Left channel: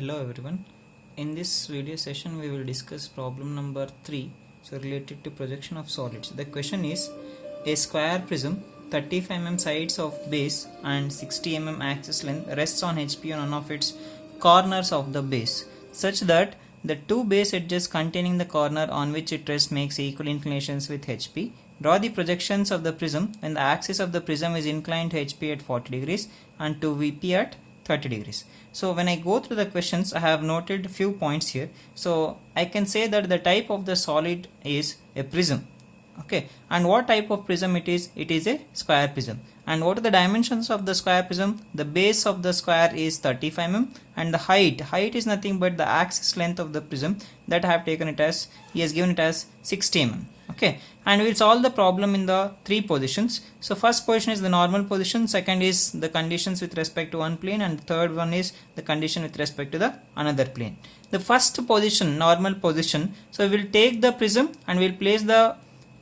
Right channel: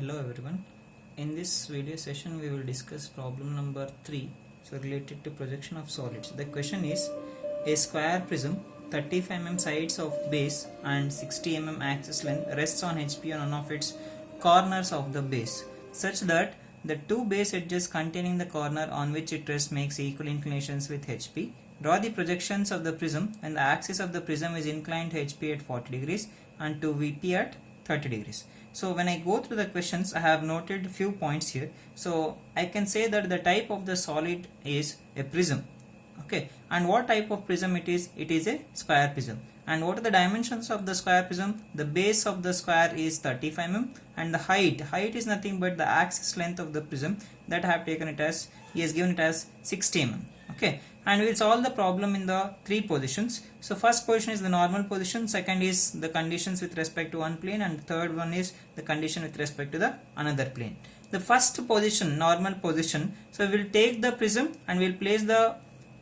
Hello everyone. In this video session we will discuss problem number 3, so related to projection of solids. The question is, a square prism 35 mm sides of base and 60 mm axis length rests on HP on one of its corners of the base such that the two base edges containing the corner on which it rests makes equal inclinations with HP. Draw the projections of the prism when the axis of the prism is inclined to HP at 40 degrees and to VP at 30 degrees. So when I go through the questions, I have noted few points here. So I can say that the type of the solid is a prism. Okay, and what type of prism it is? It is a square prism. And what are the dimensions of the square prism? The base of the square is 35 mm and the height is nothing but the axis length of the prism, that I have taken it as, he has given it as 60 mm. Okay, and we'll solve the problem in the three positions. So first position is the normal position, second is the conditions with respect to one plane, and the third one is the condition with respect to the another plane. The first position, normal position, so we'll take the prism and we'll place the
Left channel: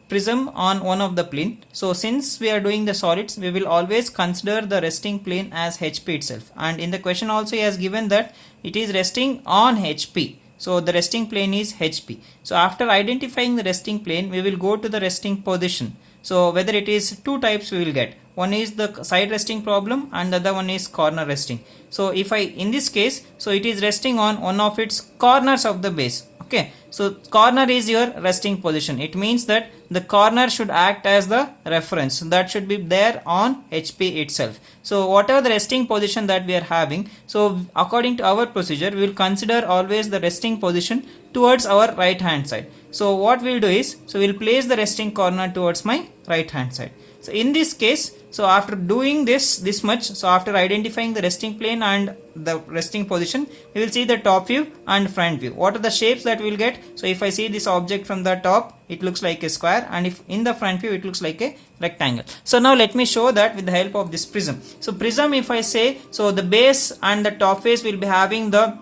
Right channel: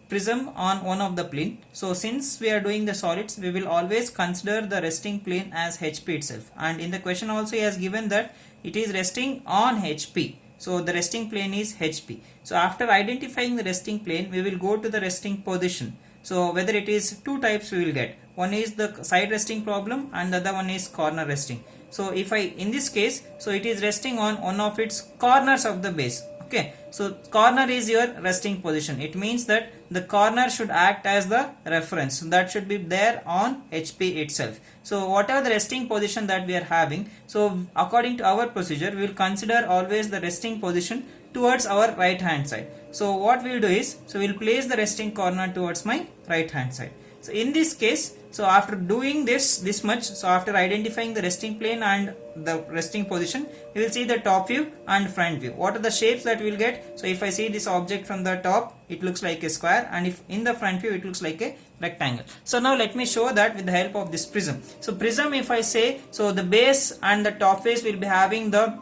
prism on one of the plane. So since we are doing the solids, we will always consider the resting plane as HP itself, and in the question also he has given that it is resting on HP. So the resting plane is HP. So after identifying the resting plane, we will go to the resting position. So whether it is two types we will get. One is the side resting problem and the other one is corner resting. So if in this case, so it is resting on one of its corners of the base. Okay, so corner is your resting position. It means that the corner should act as the reference, that should be there on HP itself. So whatever the resting position that we are having, so according to our procedure, we will consider always the resting position towards our right hand side. So what we will do is, so we will place the resting corner towards my right hand side. So in this case, so after doing this much, so after identifying the resting plane and the resting position, we will see the top view and front view. What are the shapes that we will get? So if I see this object from the top, it looks like a square, and if in the front view it looks like a rectangle. So now let me show that with the help of this prism. So prism, if I say, so the base and the top face will be having the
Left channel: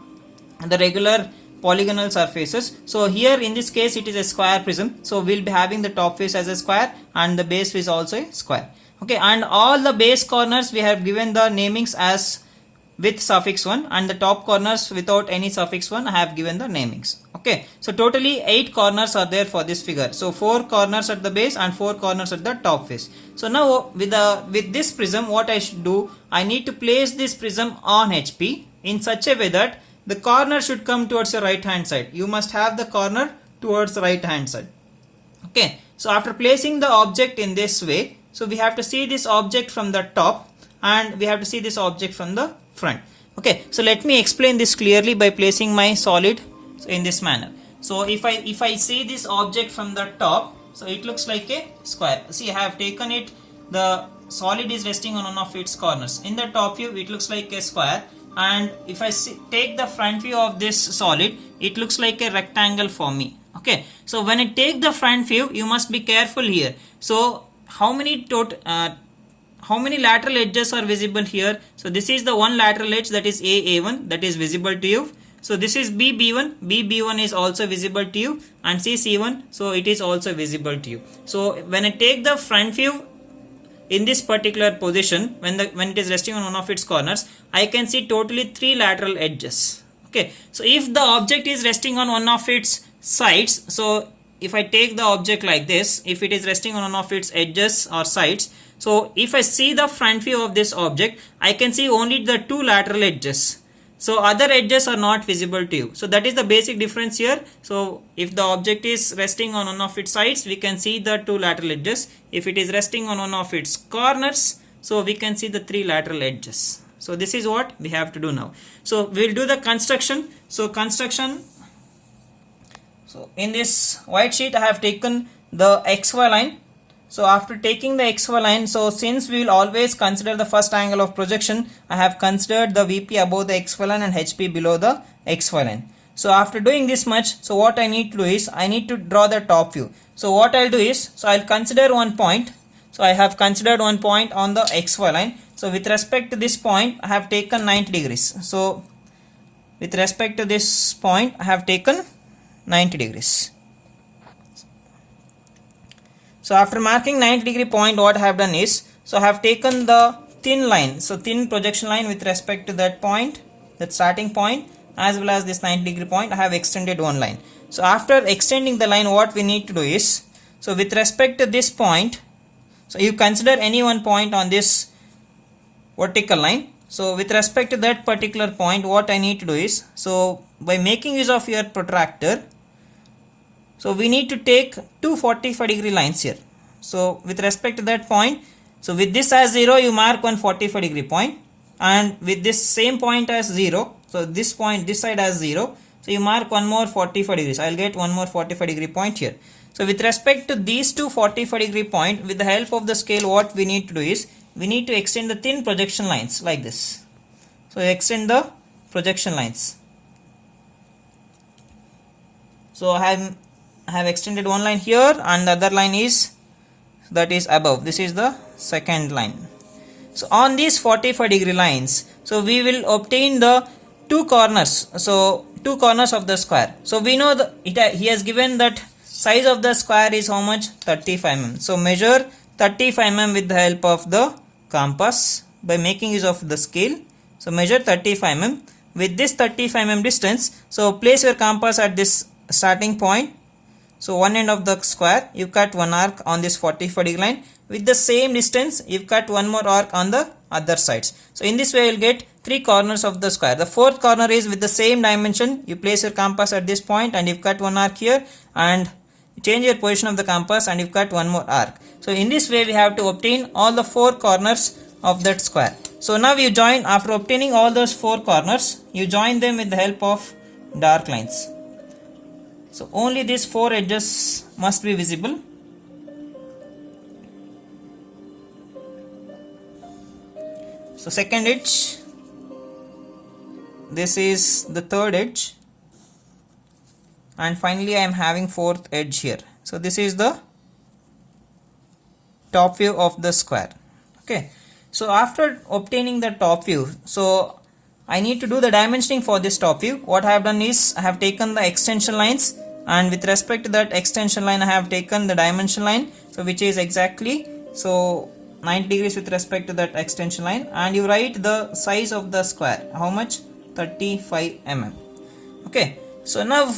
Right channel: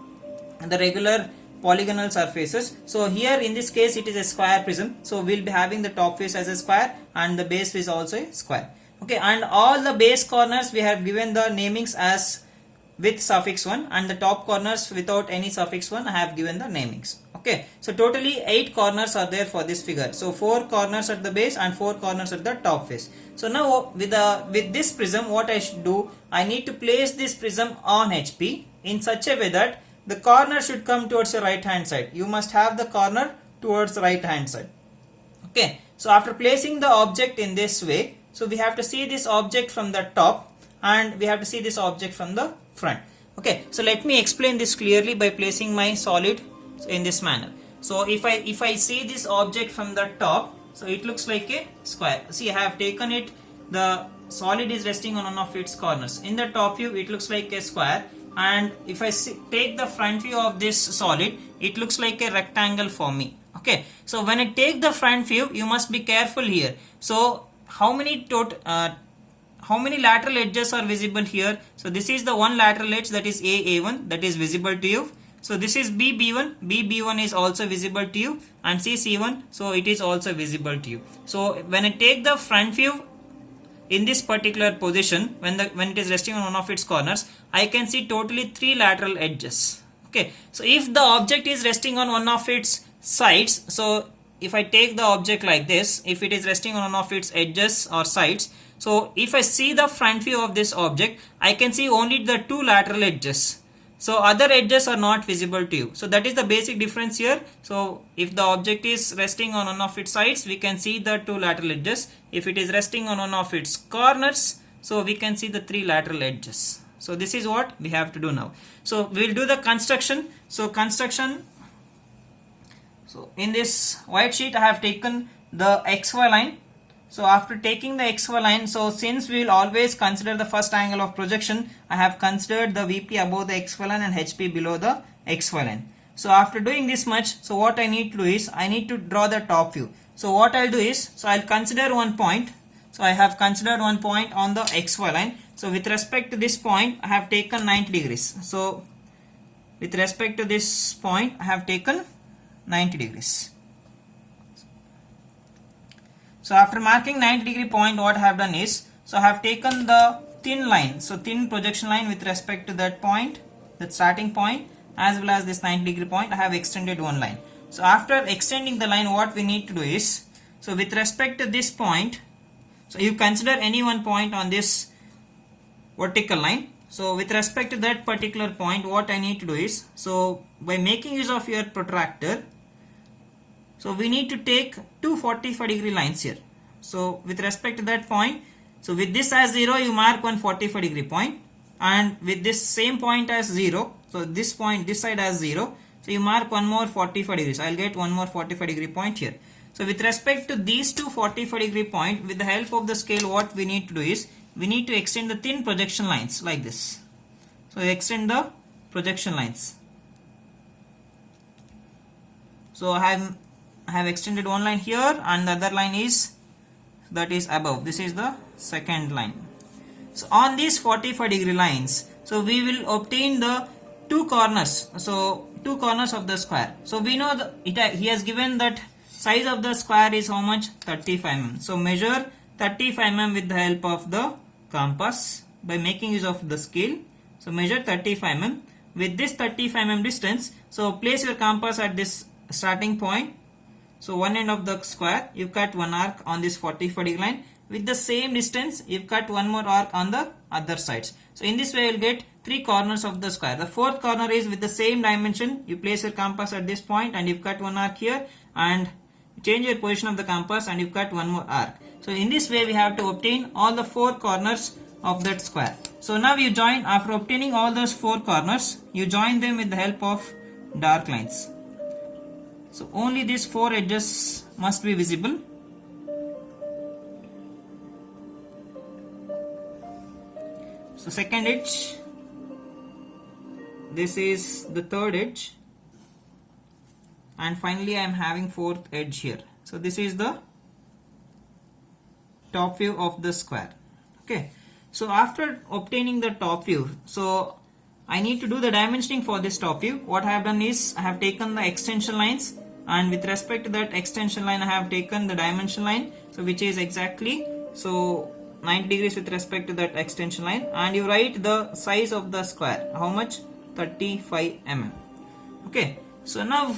regular polygonal surfaces. So here in this case it is a square prism, so we'll be having the top face as a square and the base face also a square. Okay, and all the base corners we have given the namings as with suffix 1, and the top corners without any suffix 1 I have given the namings. Okay, so totally 8 corners are there for this figure. So 4 corners at the base and 4 corners at the top face. So now with this prism, what I should do, I need to place this prism on HP in such a way that the corner should come towards your right hand side. You must have the corner towards the right hand side. Okay, so after placing the object in this way, so we have to see this object from the top and we have to see this object from the front. Okay, so let me explain this clearly by placing my solid in this manner. So if I see this object from the top, so it looks like a square. See, I have taken it, the solid is resting on one of its corners. In the top view it looks like a square, and if I take the front view of this solid, it looks like a rectangle for me. Okay, so when I take the front view, you must be careful here. So how many lateral edges are visible here? So this is the one lateral edge, that is A1, that is visible to you. So this is B1 is also visible to you, and C1, so it is also visible to you. So when I take the front view in this particular position, when it is resting on one of its corners, I can see totally 3 lateral edges. Okay, so if the object is resting on one of its sides, so if I take the object like this, if it is resting on one of its edges or sides, so if I see the front view of this object, I can see only the 2 lateral edges. So other edges are not visible to you. So that is the basic difference here. So if the object is resting on one of its sides, we can see the 2 lateral edges. If it is resting on one of its corners, so we can see the 3 lateral edges. So this is what we have to do now. So we will do the construction. So construction. So in this white sheet I have taken the XY line. So after taking the XY line, so since we will always consider the first angle of projection, I have considered the VP above the XY line and HP below the XY line. So after doing this much, so what I need to do is, I need to draw the top view. So what I'll do is, so I'll consider one point. So I have considered one point on the XY line. So with respect to this point, I have taken 90 degrees. So with respect to this point, I have taken 90 degrees. So after marking 90 degree point, what I have done is, so I have taken the thin line, so thin projection line with respect to that point, that starting point, as well as this 90-degree point, I have extended one line. So after extending the line, what we need to do is, so with respect to this point, so you consider any one point on this vertical line. So with respect to that particular point, what I need to do is, so by making use of your protractor, so we need to take two 45-degree lines here. So with respect to that point, so with this as 0, you mark one 45-degree point, and with this same point as 0, so this point, this side as 0, so you mark one more 45 degrees. I will get one more 45-degree point here. So with respect to these two 45-degree point, with the help of the scale, what we need to do is, we need to extend the thin projection lines like this. So extend the projection lines. So I have extended one line here, and the other line is, that is above. This is the second line. So on these 45-degree lines, so we will obtain the two corners. So two corners of the square. So we know that he has given that size of the square is how much? 35 mm. So measure 35 mm with the help of the compass by making use of the scale. So measure 35 mm. With this 35 mm distance, so place your compass at this starting point. So one end of the square, you cut one arc on this 45-degree line. With the same distance, you cut one more arc on the other sides. So in this way, you will get three corners of the square. The fourth corner is with the same dimension. You place your compass at this point, and you cut one arc here, and change your position of the compass, and you cut one more arc. So in this way, we have to obtain all the four corners of that square. So now you join, after obtaining all those four corners, you join them with the help of dark lines. So only these four edges must be visible. So second edge, this is the third edge, and finally I am having fourth edge here. So this is the top view of the square. Okay, so after obtaining the top view, so I need to do the dimensioning for this top view. What I have done is, I have taken the extension lines, and with respect to that extension line, I have taken the dimension line, so which is exactly, so 90 degrees with respect to that extension line, and you write the size of the square. How much? 35 mm. Okay, so now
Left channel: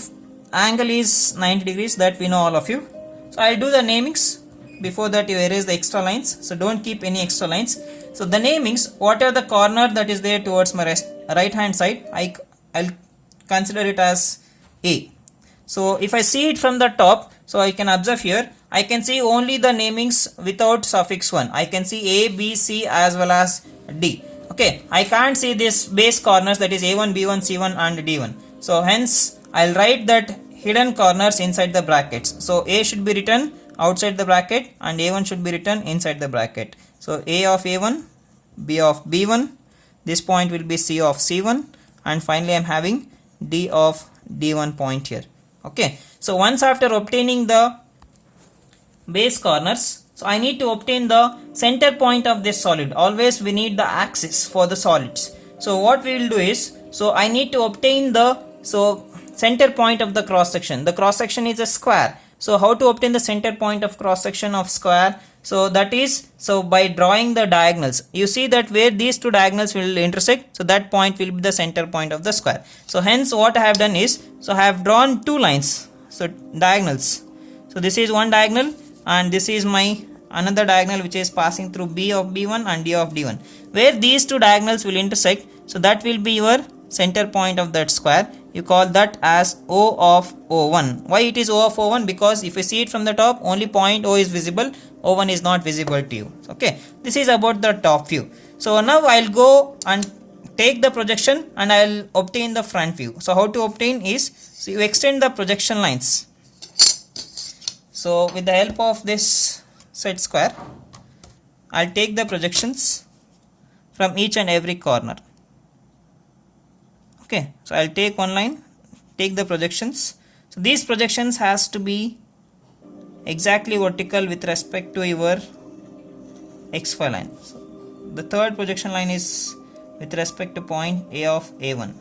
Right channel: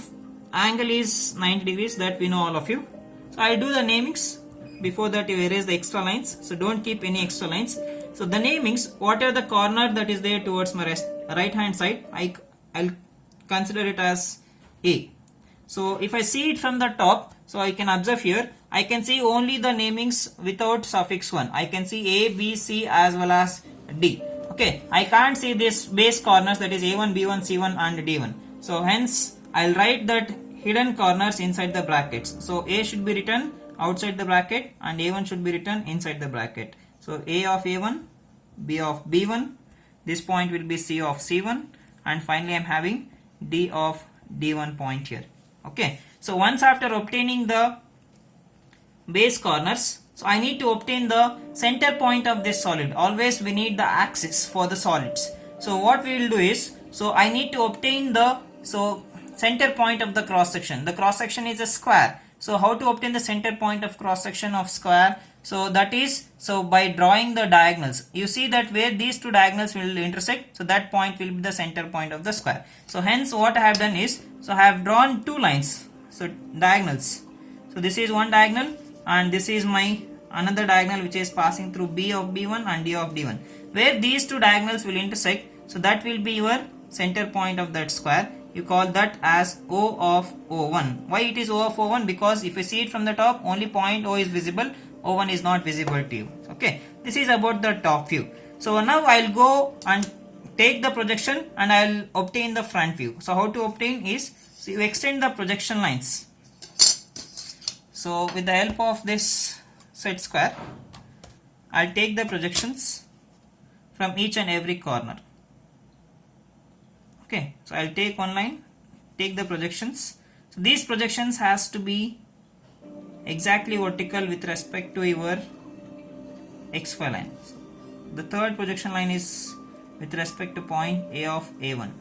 angle is 90 degrees, that we know all of you. So I will do the namings. Before that, you erase the extra lines, so don't keep any extra lines. So the namings, what are the corner that is there towards my right hand side, I'll consider it as A. So if I see it from the top, so I can observe here, I can see only the namings without suffix 1. I can see A, B, C as well as D. Okay, I can't see this base corners, that is A1, B1, C1 and D1. So hence I'll write that hidden corners inside the brackets. So A should be written outside the bracket, and A1 should be written inside the bracket. So A of A1, B of B1, this point will be C of C1, and finally I'm having D of D1 point here. Okay, so once after obtaining the base corners, so I need to obtain the center point of this solid. Always we need the axis for the solids. So what we will do is, so I need to obtain the center point of the cross section. The cross section is a square. So how to obtain the center point of cross section of square? So that is, so by drawing the diagonals. You see that where these two diagonals will intersect, so that point will be the center point of the square. So hence what I have done is, so I have drawn two lines, so diagonals. So this is one diagonal, and this is my another diagonal which is passing through B of B1 and D of D1. Where these two diagonals will intersect, so that will be your center point of that square. You call that as O of O1. Why it is O of O1? Because if you see it from the top, only point O is visible, O1 is not visible to you. Okay, this is about the top view. So now I'll go and take the projection, and I'll obtain the front view. So how to obtain is, so you extend the projection lines. So with the help of this set square, I'll take the projections from each and every corner. Okay, so I'll take one line, take the projections. So these projections has to be exactly vertical with respect to your xy line. So the third projection line is with respect to point A of A1.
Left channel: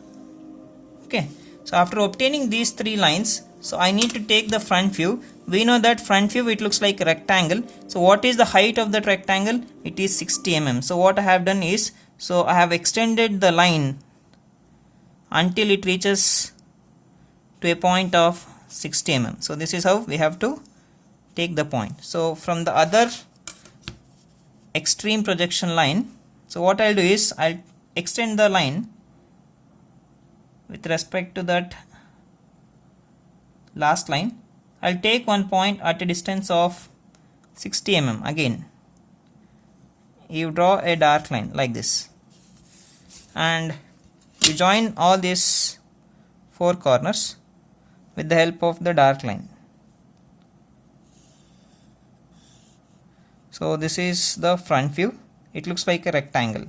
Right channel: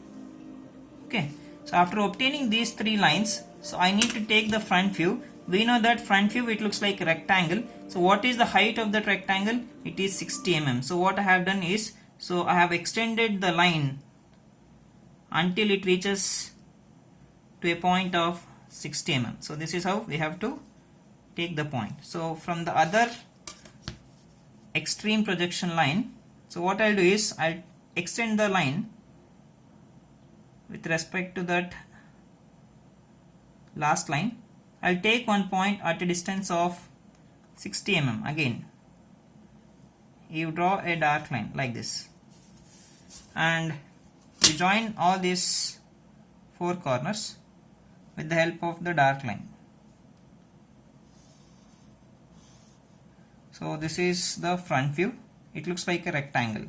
Okay, so after obtaining these three lines, so I need to take the front view. We know that front view, it looks like a rectangle. So what is the height of that rectangle? It is 60 mm. So what I have done is, so I have extended the line until it reaches to a point of 60 mm. So this is how we have to take the point. So from the other extreme projection line, so what I'll do is I'll extend the line with respect to that last line. I'll take one point at a distance of 60 mm. Again, you draw a dark line like this, and you join all these four corners with the help of the dark line. So this is the front view. It looks like a rectangle.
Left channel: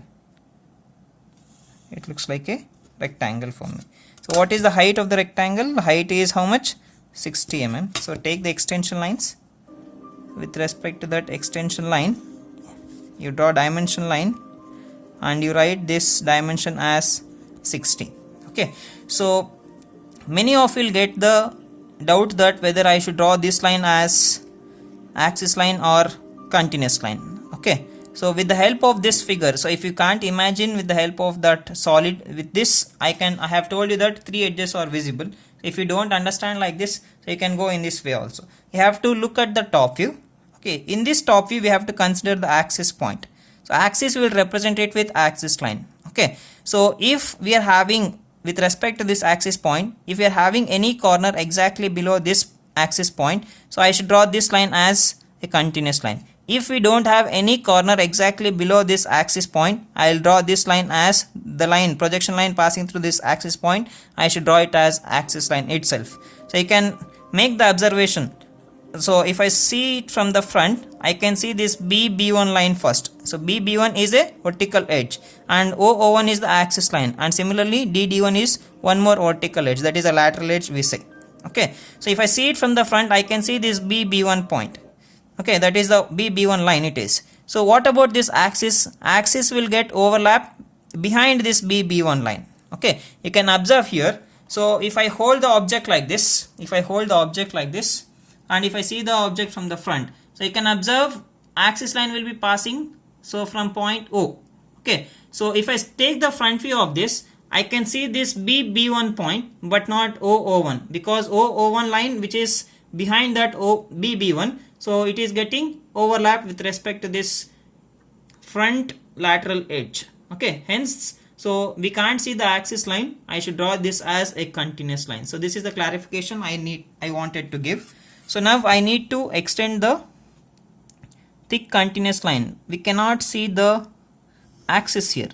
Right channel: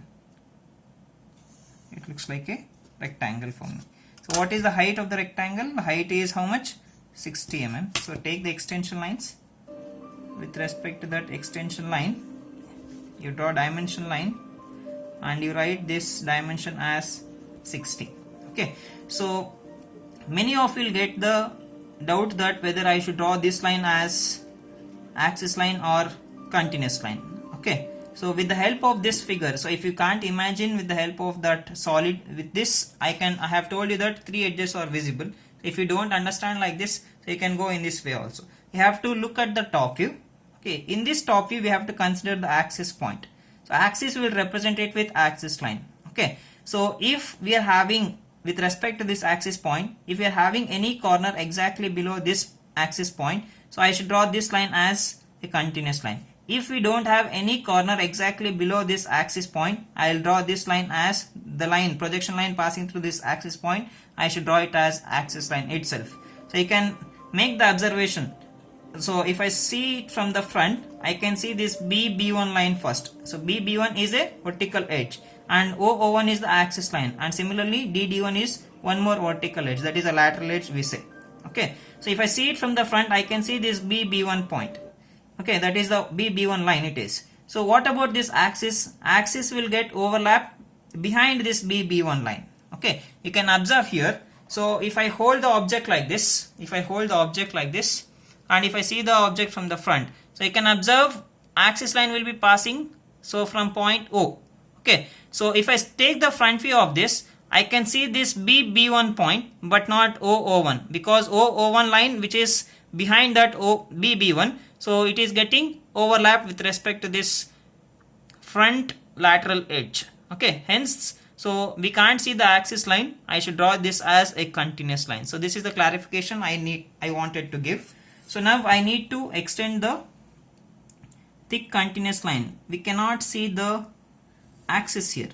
It looks like a rectangle for me. So what is the height of the rectangle? The height is how much? 60 mm. So take the extension lines. With respect to that extension line, you draw dimension line and you write this dimension as 60. Okay, so many of you will get the doubt that whether I should draw this line as axis line or continuous line. Okay, so with the help of this figure, so if you can't imagine with the help of that solid, with this I have told you that three edges are visible. If you don't understand like this, so you can go in this way also. You have to look at the top view. Okay, in this top view we have to consider the axis point. So axis we will represent it with axis line. Okay, so if we are having, with respect to this axis point, if we are having any corner exactly below this axis point, so I should draw this line as a continuous line. If we don't have any corner exactly below this axis point, I will draw this line as the line, projection line passing through this axis point. I should draw it as axis line itself. So you can make the observation. So if I see it from the front, I can see this BB1 line first. So BB1 is a vertical edge and OO1 is the axis line, and similarly DD1 is one more vertical edge, that is a lateral edge we say. Okay, so if I see it from the front, I can see this BB1 point. Okay, that is the BB1 line it is. So what about this axis? Axis will get overlapped behind this BB1 line. Okay, you can observe here. So if I hold the object like this, and if I see the object from the front, so you can observe axis line will be passing so from point O. Okay, so if I take the front view of this, I can see this BB1 point but not OO1, because OO1 line which is behind that BB1, so it is getting overlapped with respect to this front lateral edge. Okay, hence so we can't see the axis line. I should draw this as a continuous line. So this is the clarification I wanted to give. So now I need to extend the thick continuous line. We cannot see the axis here.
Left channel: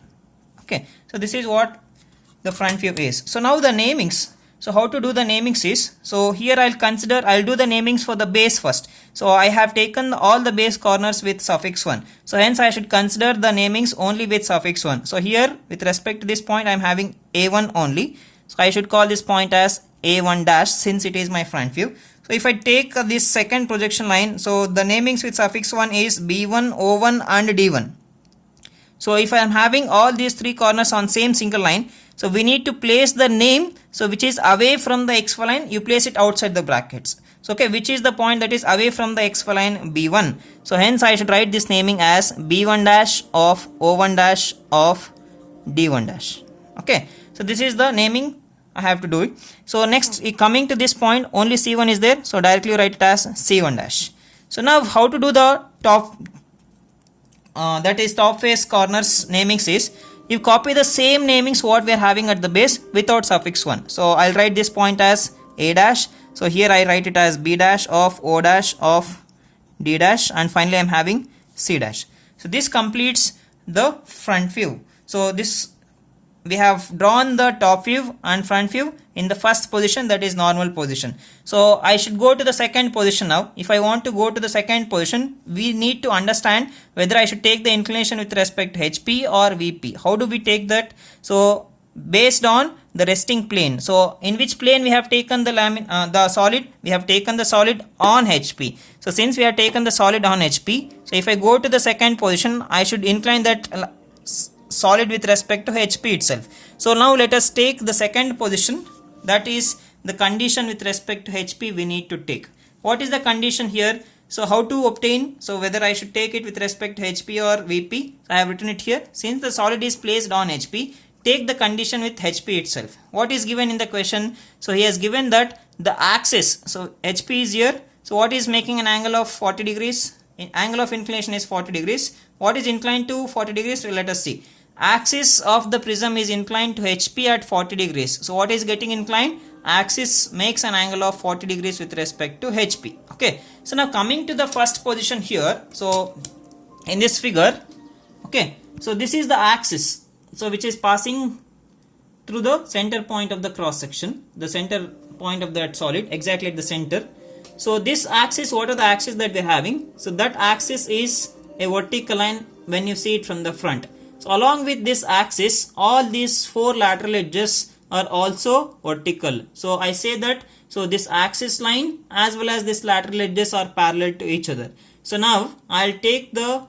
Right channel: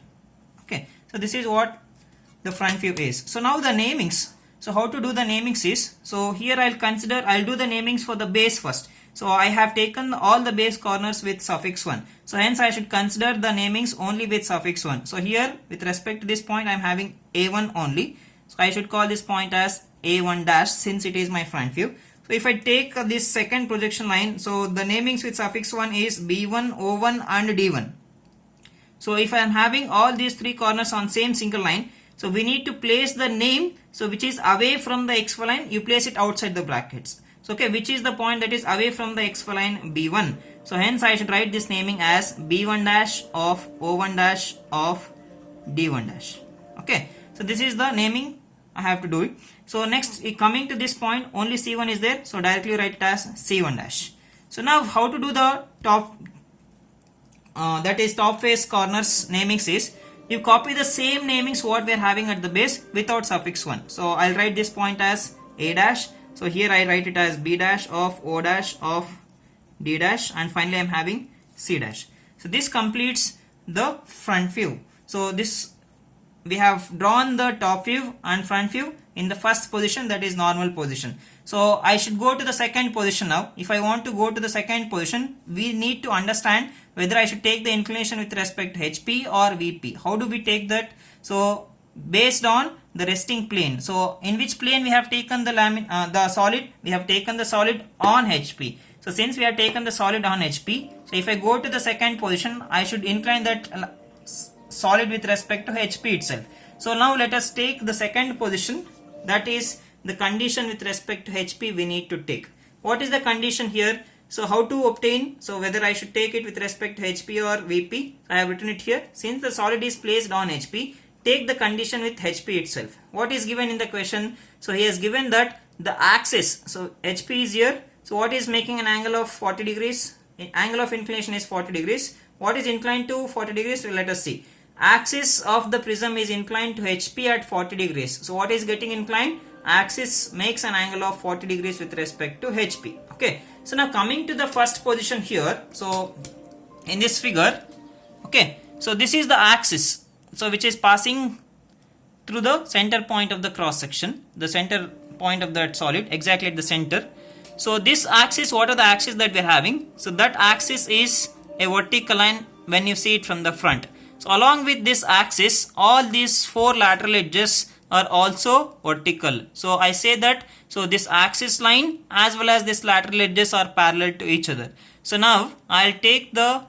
Okay, so this is what the front view is. So now the namings. So how to do the namings is, so here I'll do the namings for the base first. So I have taken all the base corners with suffix 1. So hence I should consider the namings only with suffix 1. So here with respect to this point I'm having A1 only. So I should call this point as A1 dash since it is my front view. So if I take this second projection line, so the namings with suffix 1 is B1, O1 and D1. So if I am having all these three corners on same single line, so we need to place the name, so which is away from the XY line, you place it outside the brackets. So okay, which is the point that is away from the XY line? B1. So hence I should write this naming as B1 dash of O1 dash of D1 dash. Okay, so this is the naming I have to do it. So next, coming to this point, only C1 is there, so directly write it as C1 dash. So now how to do the top, that is top face corners namings is, you copy the same namings what we are having at the base without suffix 1. So I'll write this point as A dash. So here I write it as B dash of O dash of D dash, and finally I'm having C dash. So this completes the front view. So this, we have drawn the top view and front view in the first position, that is normal position. So I should go to the second position now. If I want to go to the second position, we need to understand whether I should take the inclination with respect to HP or VP. How do we take that? So based on the resting plane. So in which plane we have taken the solid? We have taken the solid on HP. So since we have taken the solid on HP, so if I go to the second position, I should incline that solid with respect to HP itself. So now let us take the second position, that is the condition with respect to HP we need to take. What is the condition here? So how to obtain, so whether I should take it with respect to HP or VP, so I have written it here. Since the solid is placed on HP, take the condition with HP itself. What is given in the question? So he has given that the axis, so HP is here, so what is making an angle of 40 degrees? Angle of inclination is 40 degrees. What is inclined to 40 degrees? So let us see. Axis of the prism is inclined to HP at 40 degrees. So what is getting inclined? Axis makes an angle of 40 degrees with respect to HP. Okay. So now coming to the first position here. So in this figure, okay. So this is the axis. So which is passing through the center point of the cross section. The center point of that solid exactly at the center. So this axis, what are the axes that we are having? So that axis is a vertical line when you see it from the front. So along with this axis, all these four lateral edges are also vertical. So I say that, so this axis line as well as this lateral edges are parallel to each other. So now I'll take the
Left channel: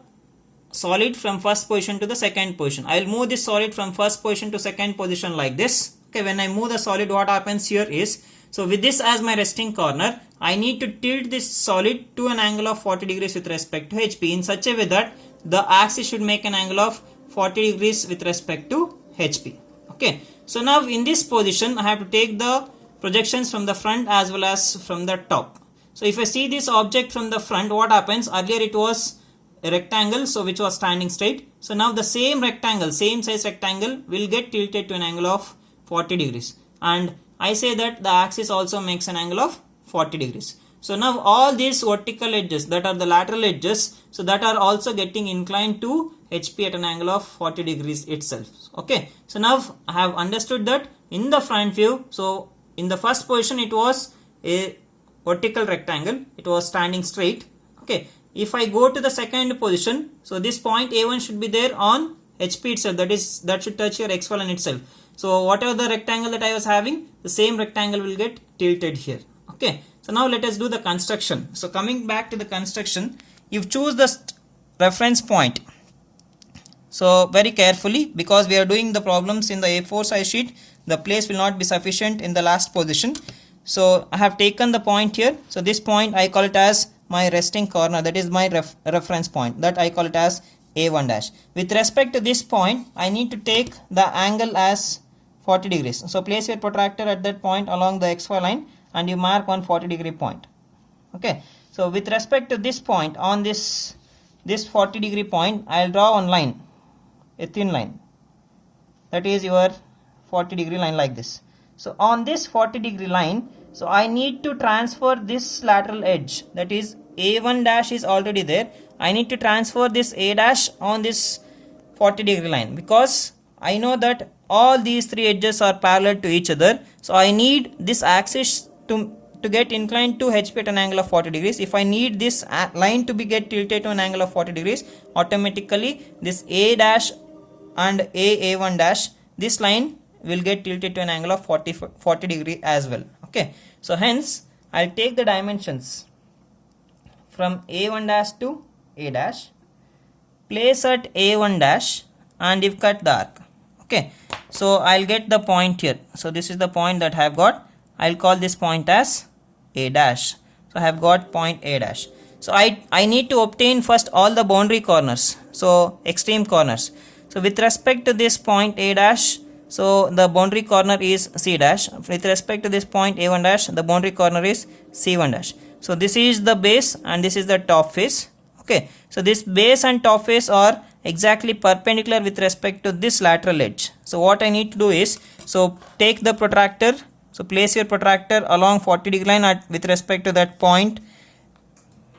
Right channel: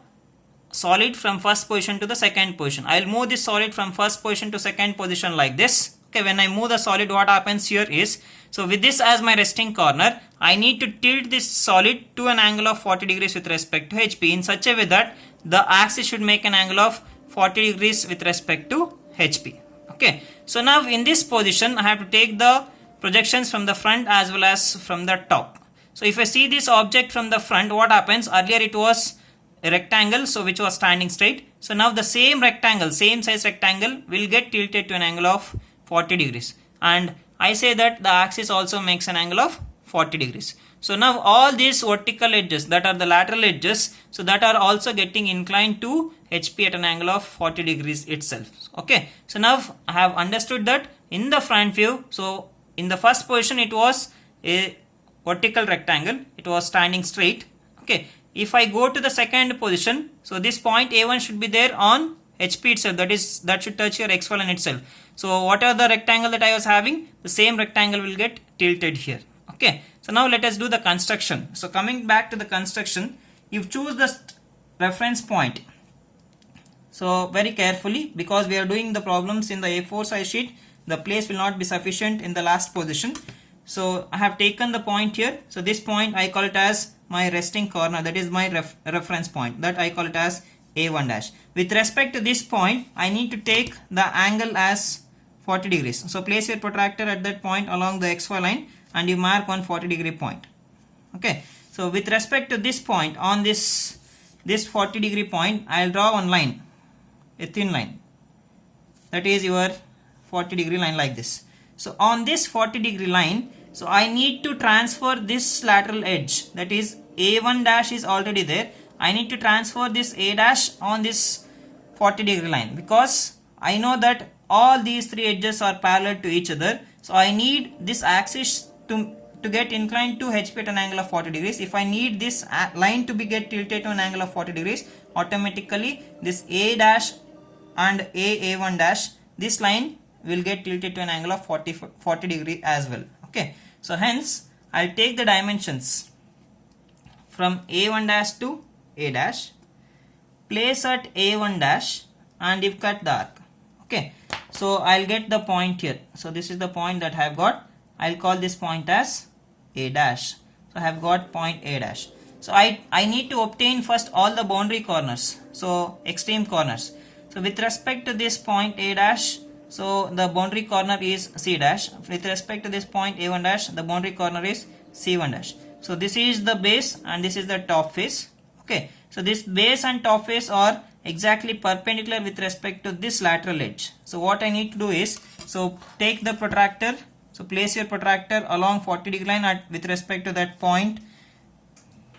solid from first position to the second position. I'll move this solid from first position to second position like this. Okay, when I move the solid, what happens here is, so with this as my resting corner, I need to tilt this solid to an angle of 40 degrees with respect to HP in such a way that the axis should make an angle of 40 degrees with respect to HP. Okay, so now in this position, I have to take the projections from the front as well as from the top. So if I see this object from the front, what happens? Earlier it was a rectangle, so which was standing straight. So now the same rectangle, same size rectangle will get tilted to an angle of 40 degrees. And I say that the axis also makes an angle of 40 degrees. So now all these vertical edges that are the lateral edges, so that are also getting inclined to HP at an angle of 40 degrees itself. Okay, so now I have understood that in the front view, so in the first position it was a vertical rectangle, it was standing straight. Okay, if I go to the second position, so this point A1 should be there on HP itself, that should touch your XY line itself. So whatever the rectangle that I was having, the same rectangle will get tilted here. Okay, so now let us do the construction. So coming back to the construction, you choose the reference point. So very carefully, because we are doing the problems in the A4 size sheet, the place will not be sufficient in the last position. So I have taken the point here. So this point I call it as my resting corner, that is my reference point, that I call it as A1 dash. With respect to this point, I need to take the angle as 40 degrees. So place your protractor at that point along the XY line and you mark one 40 degree point. Okay, so with respect to this point, on this 40 degree point, I'll draw one line, a thin line, that is your 40 degree line like this. So on this 40 degree line, so I need to transfer this lateral edge, that is A1 dash is already there. I need to transfer this A dash on this 40 degree line, because I know that all these three edges are parallel to each other. So I need this axis to get inclined to HP at an angle of 40 degrees. If I need this line to get tilted to an angle of 40 degrees, automatically this A dash and A1 dash, this line will get tilted to an angle of 40 degree as well. Okay, so hence I'll take the dimensions from A1 dash to A dash, place at A1 dash, and if cut the arc. Okay, so I'll get the point here. So this is the point that I have got. I'll call this point as A dash. So I have got point A dash. So I need to obtain first all the boundary corners, so extreme corners. So with respect to this point A dash, so the boundary corner is C dash. With respect to this point A1 dash, the boundary corner is C1 dash. So this is the base and this is the top face. Okay, so this base and top face are exactly perpendicular with respect to this lateral edge. So what I need to do is, so take the protractor, so place your protractor along 40 degree line with respect to that point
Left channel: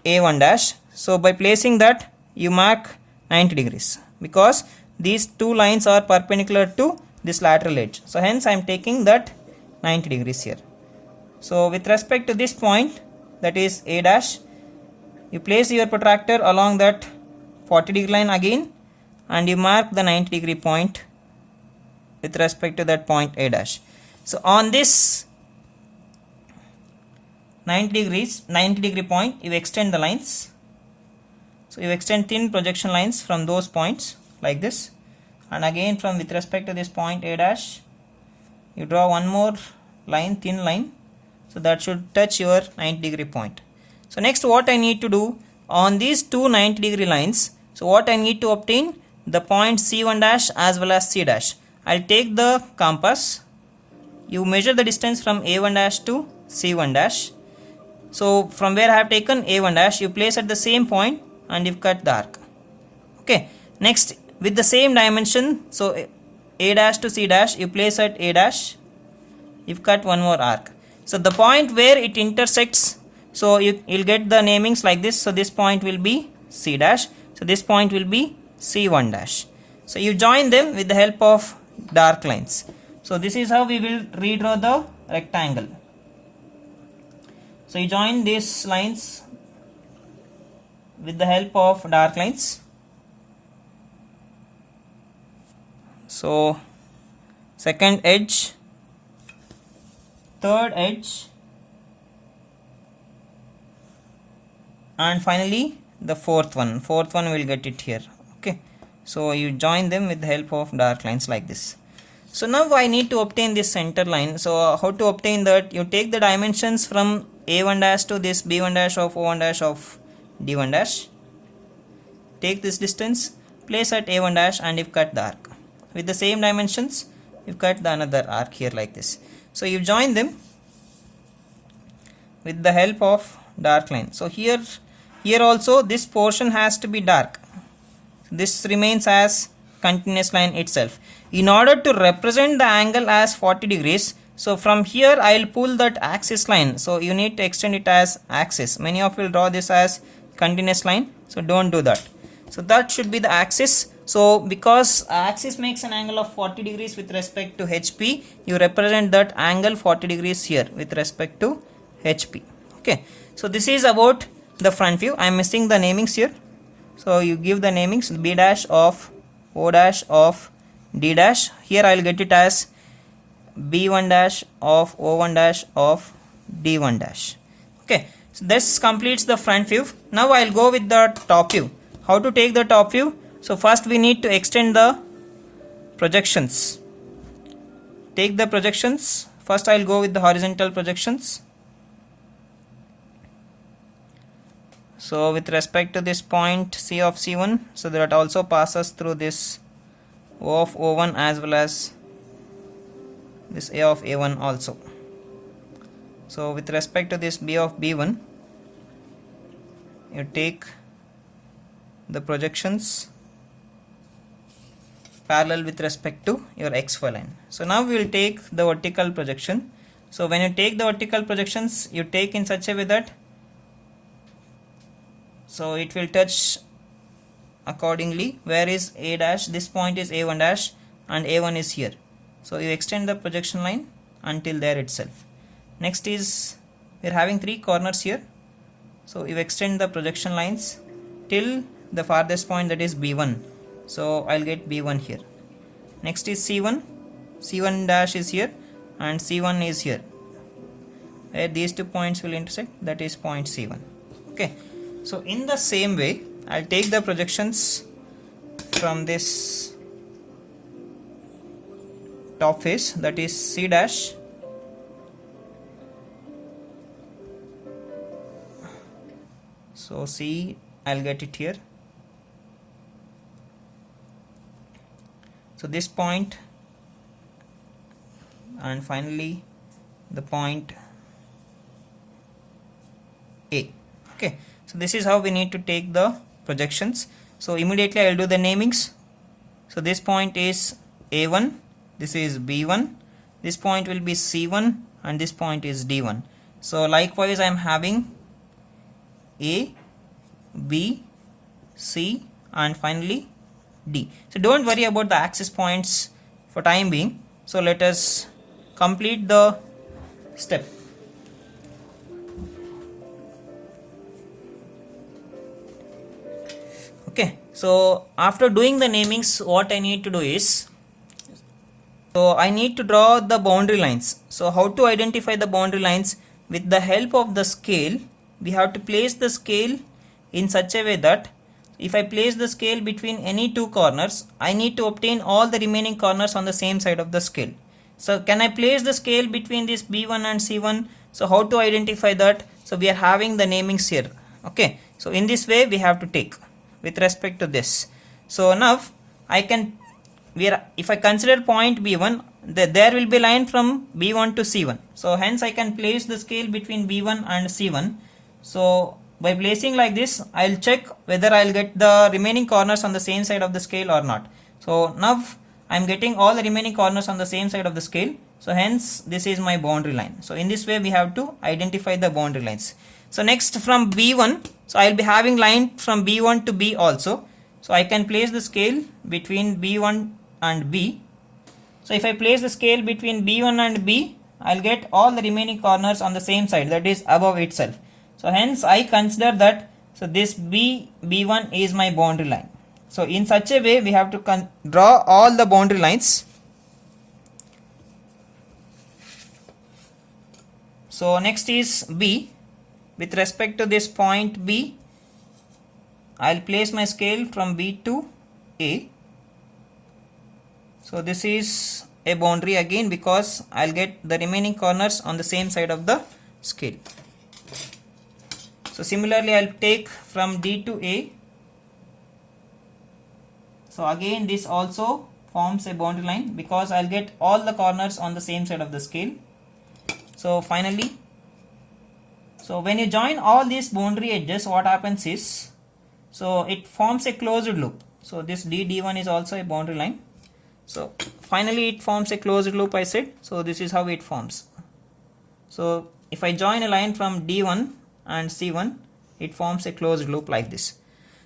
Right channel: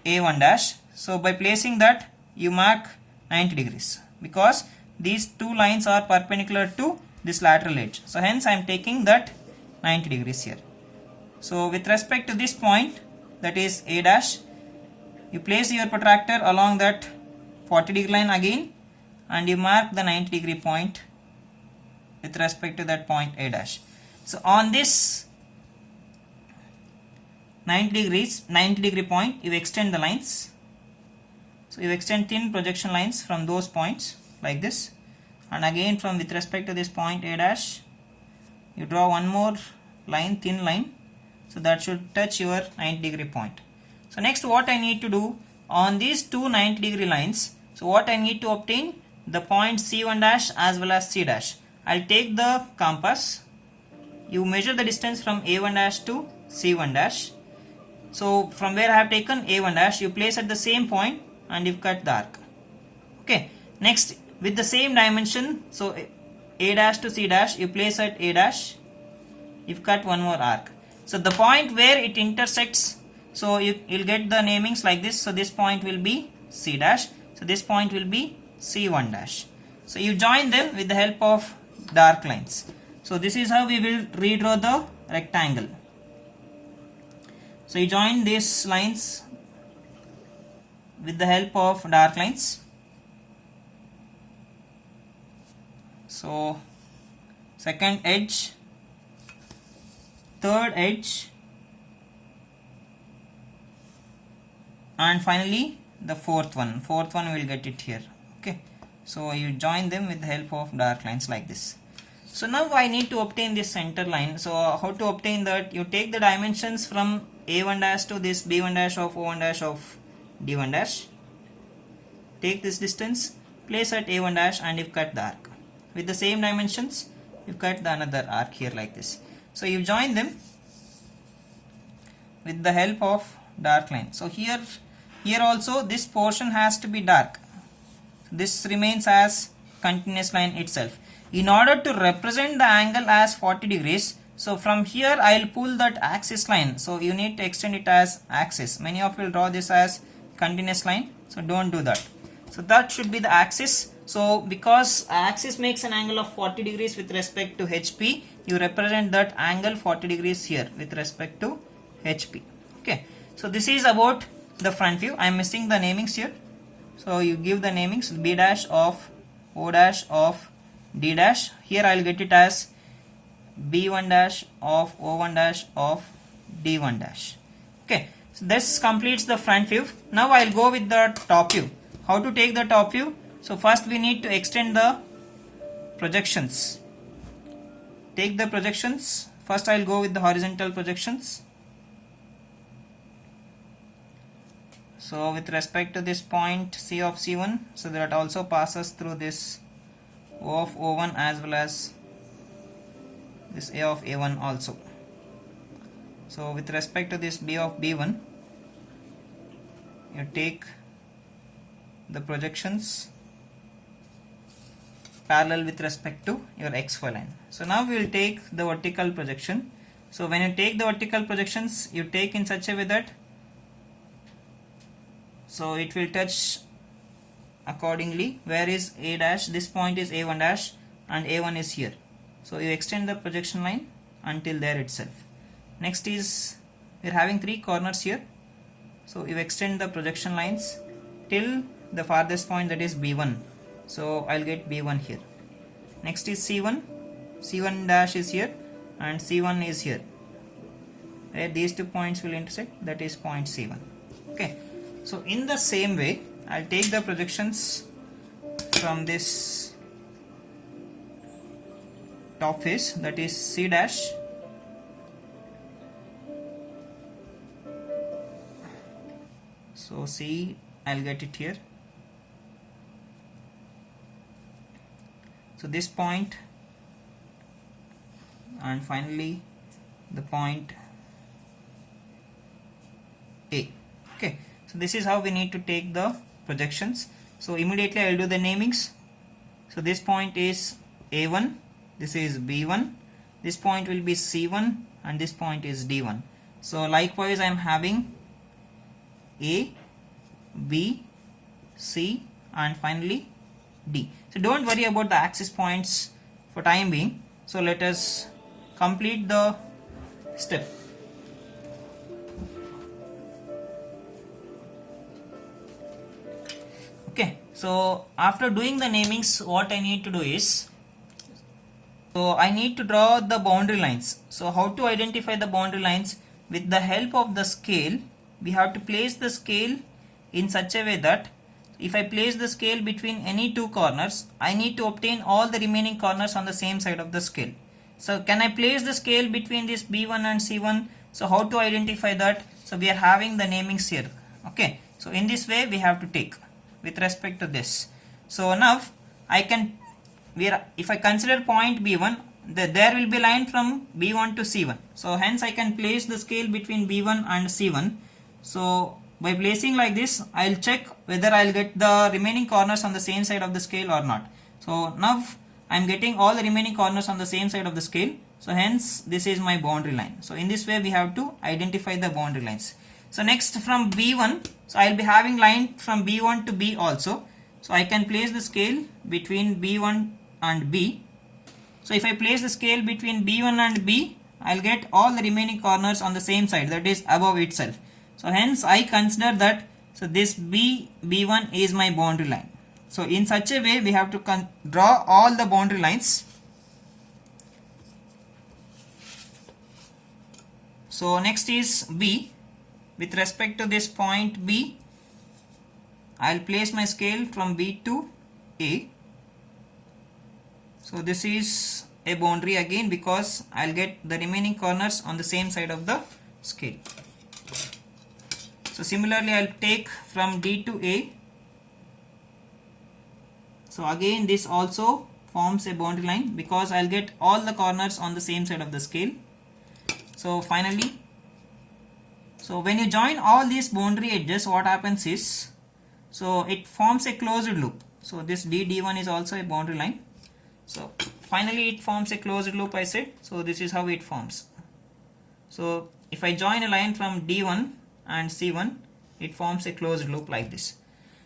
A1 dash. So by placing that, you mark 90 degrees, because these two lines are perpendicular to this lateral edge. So hence I am taking that 90 degrees here. So with respect to this point, that is A dash, you place your protractor along that 40 degree line again and you mark the 90 degree point with respect to that point A dash. So on this 90 degree point, you extend the lines. So you extend thin projection lines from those points like this, and again from with respect to this point A dash, you draw one more line, thin line, so that should touch your 90 degree point. So next what I need to do on these two 90 degree lines, so what I need to obtain, the point C1 dash as well as C dash. I'll take the compass. You measure the distance from A1 dash to C1 dash. So from where I have taken A1 dash, you place at the same point and you cut the arc. Okay. Next, with the same dimension, so A dash to C dash, you place at A dash. You've cut one more arc. So the point where it intersects, so you'll get the namings like this. So this point will be C dash. So this point will be C1 dash. So you join them with the help of dark lines. So this is how we will redraw the rectangle. So you join these lines with the help of dark lines. So second edge, third edge, and finally the fourth one will get it here. Okay, so you join them with the help of dark lines like this. So now I need to obtain this center line. So how to obtain that? You take the dimensions from A1 dash to this B1 dash of O1 dash of D1 dash. Take this distance, place at A1 dash, and you cut the arc. With the same dimensions, you cut the another arc here like this. So you join them with the help of dark line. So here also this portion has to be dark. This remains as continuous line itself. In order to represent the angle as 40 degrees, so from here I will pull that axis line. So you need to extend it as axis. Many of you will draw this as continuous line, so don't do that. So that should be the axis. So because axis makes an angle of 40 degrees with respect to HP, you represent that angle 40 degrees here with respect to HP. Okay, so this is about the front view. I am missing the namings here. So you give the namings B dash of O dash of D dash. Here I will get it as B1 dash of O1 dash of D1 dash. Okay, so this completes the front view. Now I will go with the top view. How to take the top view? So first we need to extend the projections. Take the projections. First I will go with the horizontal projections. So with respect to this point C of C1, so that also passes through this O of O1 as well as this A of A1 also. So with respect to this B of B1, you take the projections parallel with respect to your XY line. So now we will take the vertical projection. So when you take the vertical projections, you take in such a way that so it will touch accordingly. Where is A dash? This point is A1 dash and A1 is here. So you extend the projection line until there itself. Next is we are having three corners here. So you extend the projection lines till the farthest point, that is B1. So I'll get B1 here. Next is C1. C1 dash is here and C1 is here. Where these two points will intersect, that is point C1. Okay. So in the same way, I'll take the projections from this top face, that is C dash. So C, I'll get it here. So this point and finally the point A. Okay. So this is how we need to take the projections. So immediately I will do the namings. So this point is A1, this is B1, this point will be C1 and this point is D1. So likewise I am having A, B, C and finally D. So don't worry about the axis points for time being. So let us complete the step. Okay, so after doing the namings, what I need to do is, so I need to draw the boundary lines. So how to identify the boundary lines? With the help of the scale, we have to place the scale in such a way that if I place the scale between any two corners, I need to obtain all the remaining corners on the same side of the scale. So can I place the scale between this B1 and C1? So how to identify that? So we are having the namings here. Okay, so in this way we have to take with respect to this. So now I can if I consider point B1, there will be line from B1 to C1. So hence I can place the scale between B1 and C1. So by placing like this, I'll check whether I'll get the remaining corners on the same side of the scale or not. So now I'm getting all the remaining corners on the same side of the scale. So hence this is my boundary line. So in this way we have to identify the boundary lines. So next from B1, so I'll be having line from B1 to B also. So I can place the scale between B1 and B. So if I place the scale between B1 and B, I'll get all the remaining corners on the same side, that is above itself. So hence I consider that, so this B1 is my boundary line. So in such a way we have to draw all the boundary lines. So next is B. With respect to this point B, I'll place my scale from B to A. So this is a boundary again because I'll get the remaining corners on the same side of the scale. So similarly I'll take from D to A. So again this also forms a boundary line because I'll get all the corners on the same side of the scale. So finally, so when you join all these boundary edges, what happens is, so it forms a closed loop. So this D1 is also a boundary line. So finally it forms a closed loop, I said. So this is how it forms. So if I join a line from D1 and C1, it forms a closed loop like this.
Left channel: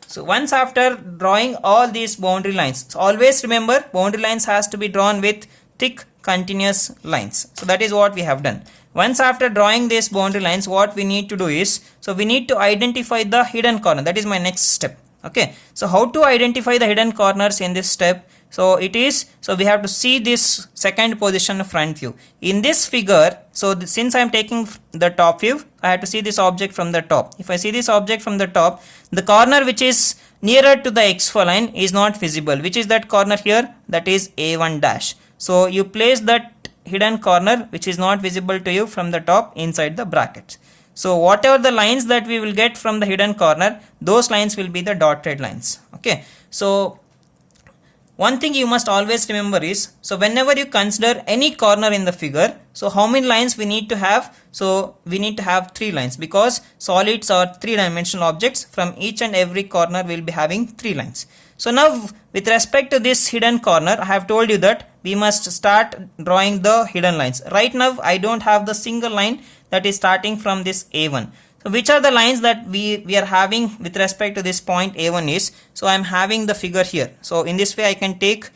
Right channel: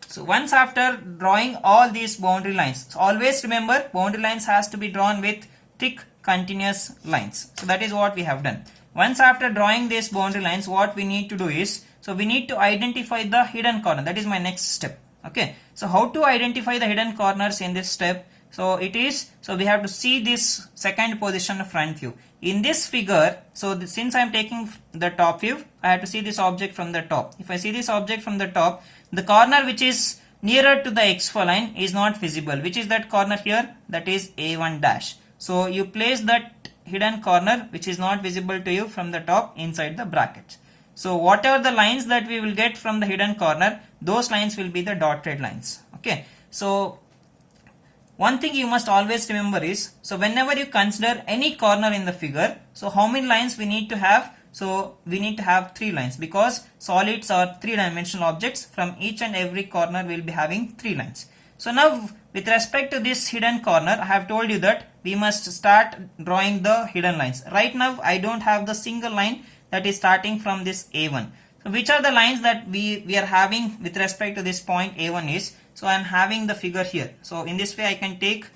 So once after drawing all these boundary lines, so always remember boundary lines has to be drawn with thick continuous lines. So that is what we have done. Once after drawing these boundary lines, what we need to do is, so we need to identify the hidden corner. That is my next step. Okay. So how to identify the hidden corners in this step? So it is, so we have to see this second position front view. In this figure, so since I am taking the top view, I have to see this object from the top. If I see this object from the top, the corner which is nearer to the XY line is not visible. Which is that corner here? That is A1 dash. So you place that hidden corner which is not visible to you from the top inside the bracket. So whatever the lines that we will get from the hidden corner, those lines will be the dotted lines. Okay. So one thing you must always remember is, so whenever you consider any corner in the figure, so how many lines we need to have? So we need to have 3 lines because solids are 3-dimensional objects. From each and every corner we will be having 3 lines. So now with respect to this hidden corner, I have told you that we must start drawing the hidden lines. Right now I don't have the single line that is starting from this A1. So which are the lines that we are having with respect to this point A1 is, so I am having the figure here. So in this way I can take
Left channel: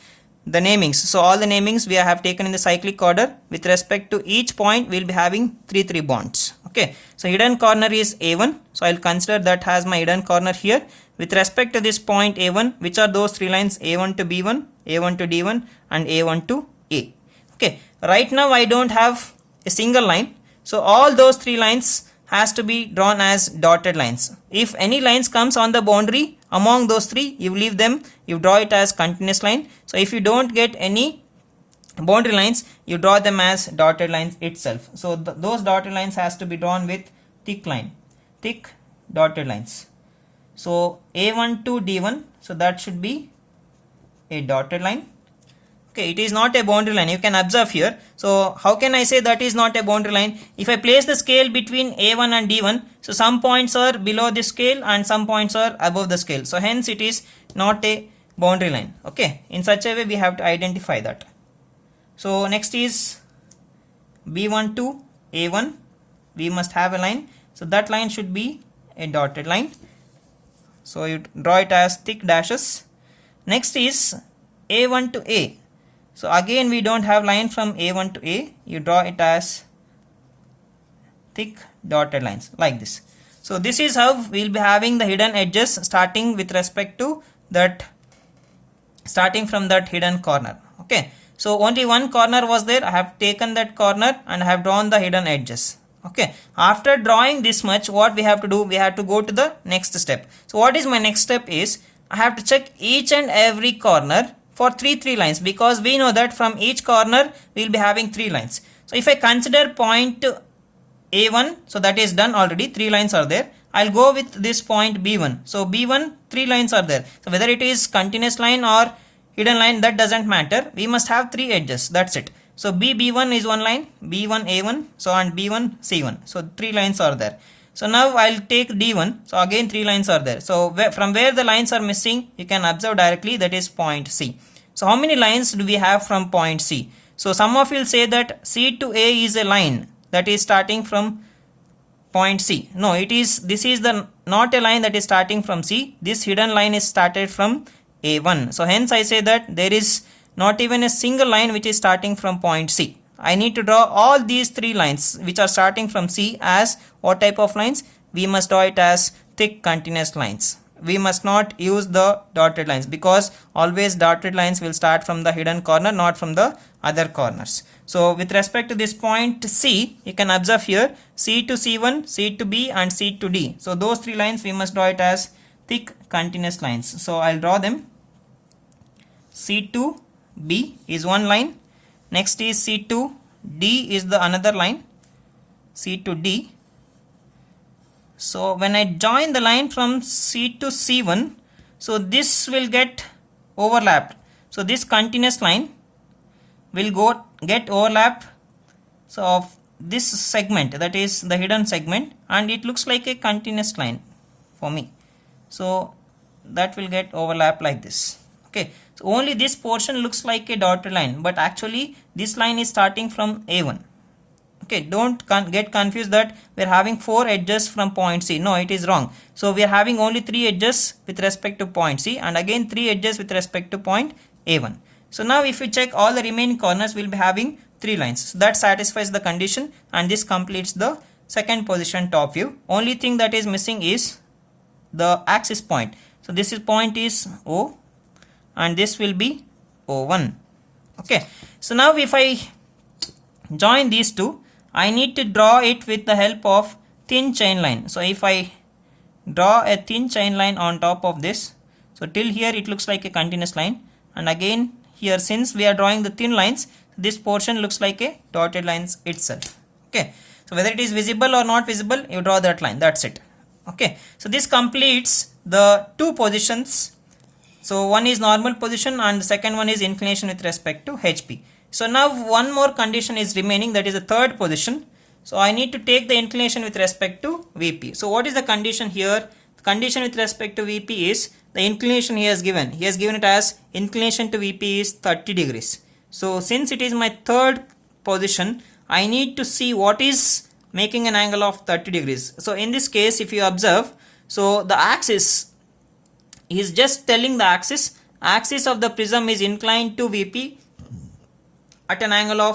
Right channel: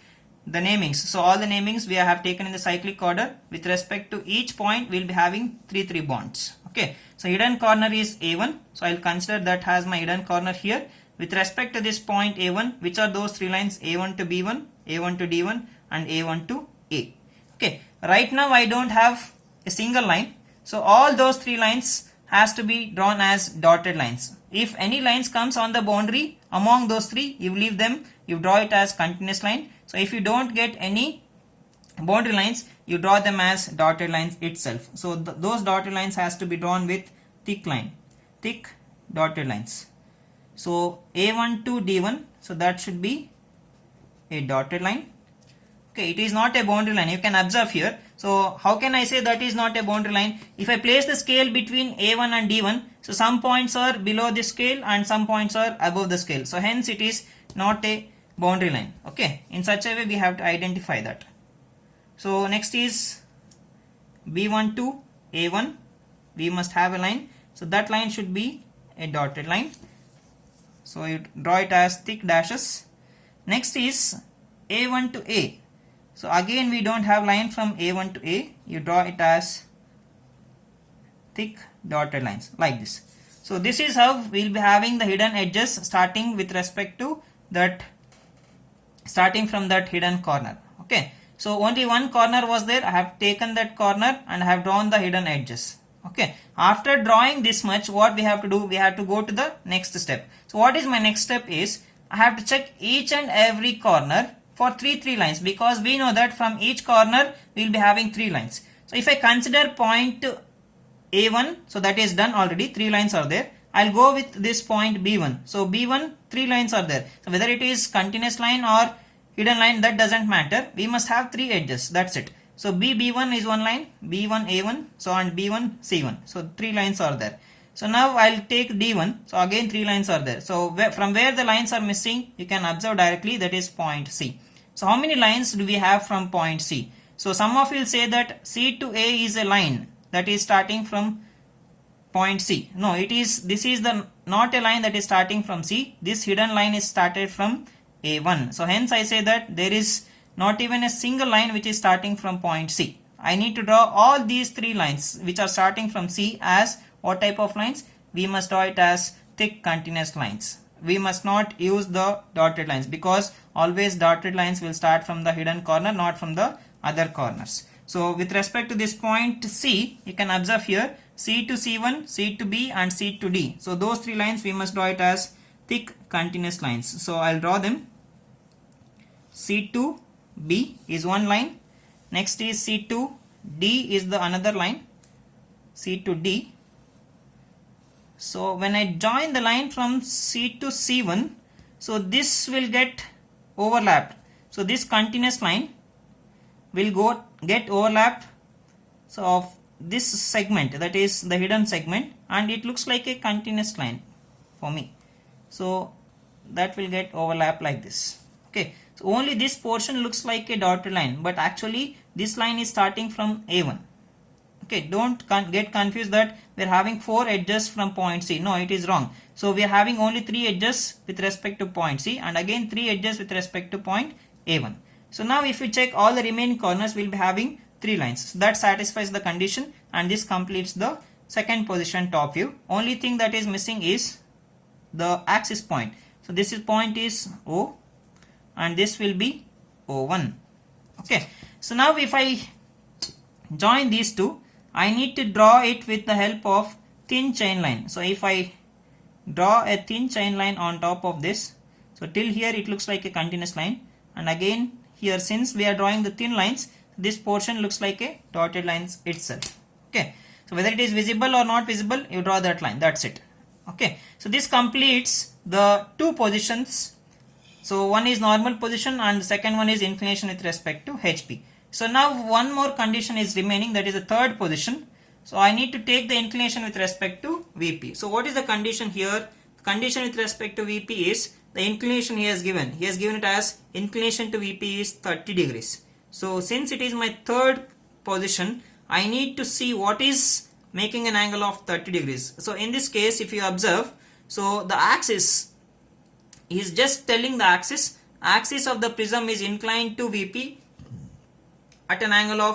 the namings. So all the namings we have taken in the cyclic order. With respect to each point we will be having 3 bonds. Okay. So hidden corner is A1. So I will consider that as my hidden corner here. With respect to this point A1, which are those 3 lines? A1 to B1, A1 to D1 and A1 to A. Okay. Right now I don't have a single line. So all those 3 lines has to be drawn as dotted lines. If any lines comes on the boundary among those 3, you leave them, you draw it as continuous line. So if you don't get any boundary lines, you draw them as dotted lines itself. So those dotted lines has to be drawn with thick dotted lines. So A1 to D1, so that should be a dotted line. Okay, it is not a boundary line. You can observe here. So how can I say that is not a boundary line? If I place the scale between A1 and D1, so some points are below the scale and some points are above the scale. So hence it is not a boundary line. Okay, in such a way we have to identify that. So next is B1 to A1. We must have a line. So that line should be a dotted line. So you draw it as thick dashes. Next is A1 to A. So again we don't have line from A1 to A. You draw it as thick dotted lines like this. So this is how we will be having the hidden edges starting with respect to that, starting from that hidden corner. Okay. So only one corner was there. I have taken that corner and I have drawn the hidden edges. Okay. After drawing this much, what we have to do? We have to go to the next step. So what is my next step is, I have to check each and every corner for 3 lines, because we know that from each corner we will be having 3 lines. So if I consider point A1, so that is done already, 3 lines are there. I'll go with this point B1. So B1, 3 lines are there. So whether it is continuous line or hidden line, that doesn't matter. We must have 3 edges, that's it. So B1 is one line, B1 A1, so and B1 C1. So 3 lines are there. So now I'll take D1. So again 3 lines are there. So from where the lines are missing, you can observe directly, that is point C. So how many lines do we have from point C? So some of you will say that C to A is a line that is starting from point C. No, this is not a line that is starting from C. This hidden line is started from A1. So hence I say that there is not even a single line which is starting from point C. I need to draw all these 3 lines which are starting from C as what type of lines? We must draw it as thick continuous lines. We must not use the dotted lines, because always dotted lines will start from the hidden corner, not from the other corners. So with respect to this point C, you can observe here C to C1, C to B and C to D. So those 3 lines we must draw it as thick continuous lines. So I'll draw them. C to B is one line. Next is C to D is the another line. C to D. So when I join the line from C to C1, so this will get overlapped. So this continuous line will get overlapped so of this segment, that is the hidden segment, and it looks like a continuous line for me. So that will get overlapped like this. Okay, so only this portion looks like a dotted line, but actually this line is starting from A1. Okay, don't get confused that we are having 4 edges from point C. No, it is wrong. So we are having only 3 edges with respect to point C, and again 3 edges with respect to point A1. So now if we check all the remaining corners, we will be having 3 lines. So that satisfies the condition, and this completes the second position top view. Only thing that is missing is the axis point. So this point is O, and this will be O1. Okay, so now if I join these two, I need to draw it with the help of thin chain line. So if I draw a thin chain line on top of this, so till here it looks like a continuous line, and again here, since we are drawing the thin lines, this portion looks like a dotted lines itself. Okay, so whether it is visible or not visible, you draw that line, that's it. Okay, so this completes the 2 positions. So one is normal position and the second one is inclination with respect to HP. So now one more condition is remaining, that is the third position. So I need to take the inclination with respect to VP. So what is the condition here? The condition with respect to VP is the inclination he has given. He has given it as inclination to VP is 30 degrees. So since it is my third position, I need to see what is making an angle of 30 degrees. So in this case, if you observe, so the axis, he is just telling the axis of the prism is inclined to VP at an angle of